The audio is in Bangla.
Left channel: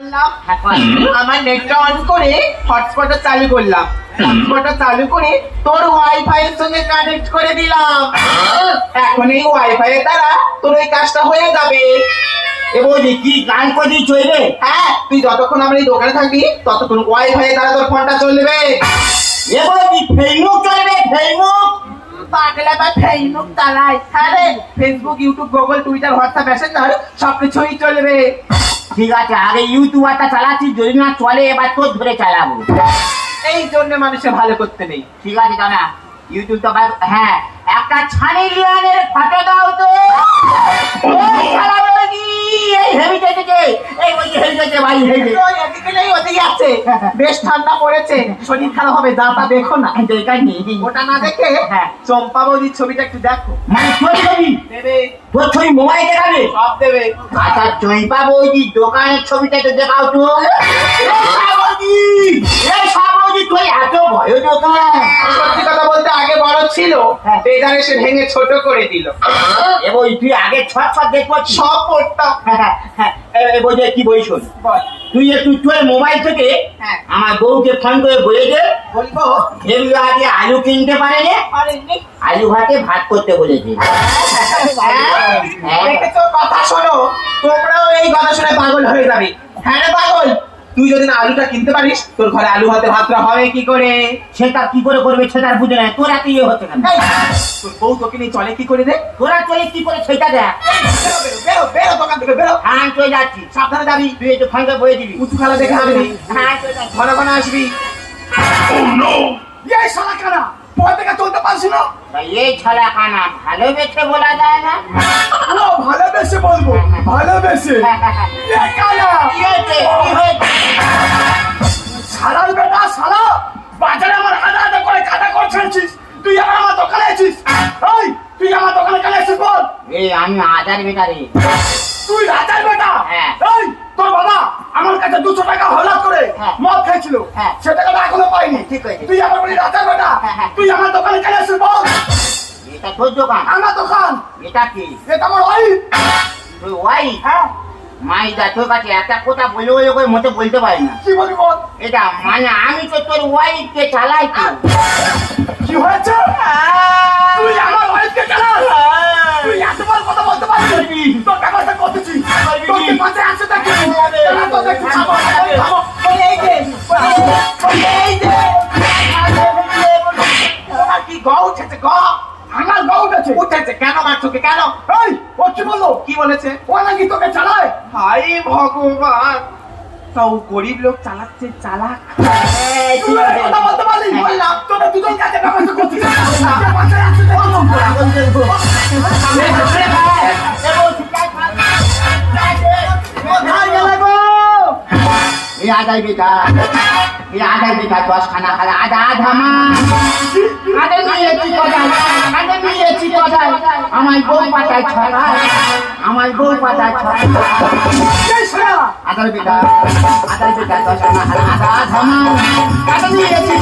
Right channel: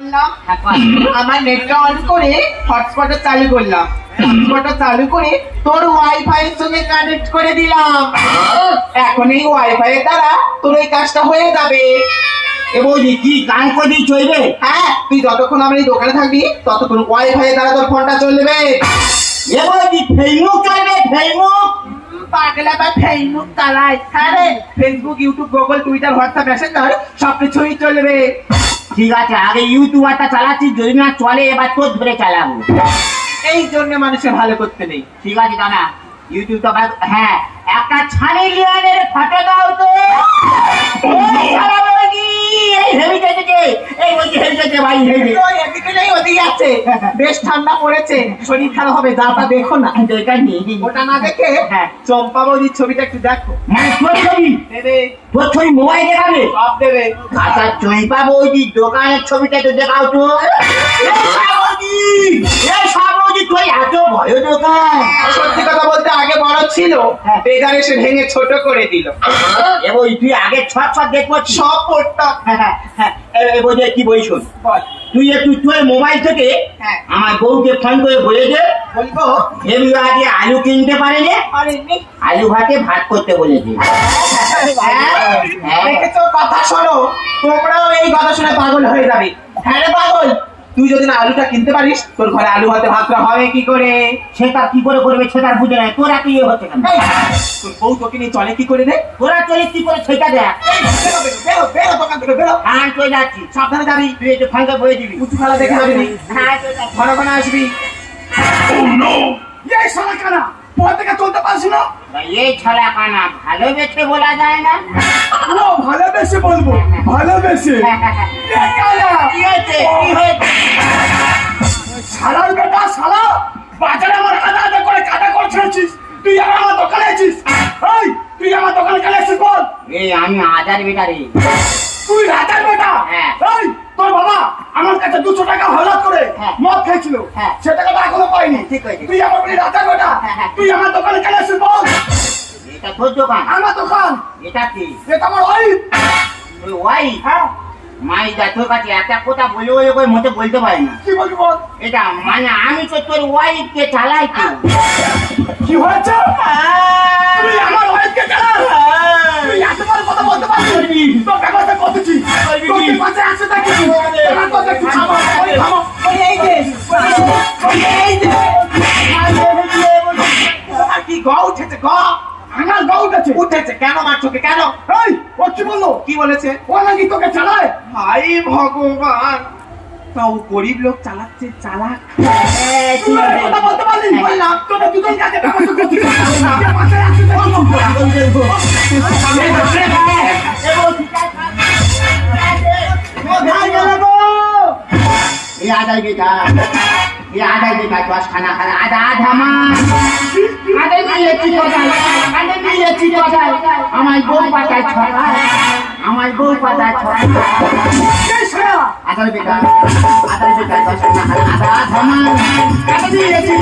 হ্যাঁ, আমার নেটটা অন করে হটস্পটটা চালু করলাম। হটস্পটটা চালু করে তোর ওয়াইফাই এর সঙ্গে কানেক্ট করে দিলাম। এখন এই ওয়াইফাই এর দ্বারা তোর ওই কাজটা হয়ে যাবে। এ কি গান করে চলবে হ্যাঁ তুই যতক্ষণ আমার এই দোকানে থাকবি ততক্ষণ ওয়াইফাই এর দ্বারা তোর ফোনটা চলবে। এ বৌদি ফেসবুক চলবে ফেসবুক পাগলা বা ফেসবুক চালাই হ্যাঁ Facebook YouTube Google Twitter WhatsApp Messenger সব কিছুই চলবে। ঠিক আছে আগে ইউটিউবারটা চালাচ্ছি যদি না চলে এবার তোর ধরে চালাবো। এই জন্য মানুষের ভালো করতে নেই। ঠিক আছে দানা ইউটিউব তো হ্যাঁ একটা ছানি লিওনের ফটো দাও তো। হেভি ভাই ওদিকে আছে। বেশ ঠান্ডা পড়েছে। শরীর খারাপ হবে দেখো না। নিয়ে ওটা না দেখে হ্যাঁ। চম্পা বৌদির ছবিটা একটু দেখো। মানে তোর ছবি দেবে। তোর ছবি মোবাইল দেখাবে? সব দেবে। আচ্ছা জয়পা বৌদি দোকানের ছবিটা তো দেখাও তো। এই সাবৌদি এই সাবৌদি এত ভয় সত্যি কথা বলতে আগে বড় ছিল হ্যাঁ। বেজার এসে ভেঙে ছোট করে দিল। এ তুই আগে ছট ছট দেখব। সব পড়তাম হ্যাঁ হ্যাঁ হ্যাঁ। এ- এ বই কি বই শোন? তুই একটু তোর মোবাইল থেকে হ্যাঁ। আমার বউকে ফোন করে বলে দে। আগে আলু কিনতে পারে যে আলু ভাতে ভাত করতে বলেছে হ্যাঁ, দেখেছ কথা শোনো। তোমরাও এই কথা শুনে পাগল হয়ে যাবে। হ্যাঁ পাগল। তুই যদি না আলুটা কিনতে পারিস তোর ঘরে আলু ভাতে ভাতটা হবে কি করে? সেটা কি করে করবে সেটা বুঝে নাই। তোরা কি হচ্ছে কেন? তোর বউ তোকে নিয়ে চলে কি করে রে? তোরা চলে কি করে সেটা দেখ। বেরো, বেরো, বেরো, বেরো দোকান থেকে বেরো। হ্যাঁ চলে যাচ্ছি। সাবধানে যাবি তুই একটু বলে দিবি। উঁচু খালা দেখে হ্যাঁ ঘন ঘন আসবি। এই শালা কানা পথ চলতে পারছি না। এই ছলা কানা ভালোবেসে বলা যায় না? ভালোবেসে বলব ভালোবেসে। কি হয়েছে? দোকানে আছিস? এই তুই আমার দোকানে কেন এসেছিস বল? এই আমি আজার বেটারে তুই রাজার বেটা? হ্যাঁ। এই তোর বাবা আমার কাছে দুশো টাকা হলাদ করে হ্যাঁ। মদ খেয়েছিল। হ্যাঁ। সে টাকাটা এখনও পাইনি ঠিক। তুই আমার বলি রাজার বেটা? হ্যাঁ। তুই আমার দোকানে কেন এসেছিস বল? এটা তোর দোকান। আমার দোকান। এটা কি? এটা আমার ওয়াইফ তুই ওয়াই হ্যাঁ। মাই দা তোর কাছে একটা কথা বলে বলে করে মতে বলতে পারি না। কি বলবি বল? এটা মানে আমি তো তোর ওয়াইফকে চালাই তো। কি হয়েছে? তুই আমার ওয়াইফকে চালাস তুই এতবার কথা বলতে পারবি তোর ব্যবস্থা করতেছি তোর কি আছে তোর থামো, ওই এই যে, ওই এই যে। তোমার কি গ উঠেছে গ? আমার গা উঠেছে। উঠেছে কেন মারছোকে কেন? এই ও কি বলল? কি বলেছে? ও নাকি তোকে চালায়? হাই ভগবান! তাও গরিব লোক চালাচ্ছে চালাক? বলতে পারলি বললাম তোরা দুজন কাছে ব্যবস্থা? কোথায় গেলে গো? এই আদায় বেটা এই আদায় বেটা দশ খানা খানা আদা আধা মা। আদা কোথায় আদা নিয়েছি কোথায় আমার বউ পাতা ছড়ায়। আমার বউ পাতা ছড়ায়। এই শালা, আদার বেটা আদার বেটা দশ খানা খানা আদা আধা মা। আদা নিয়েছি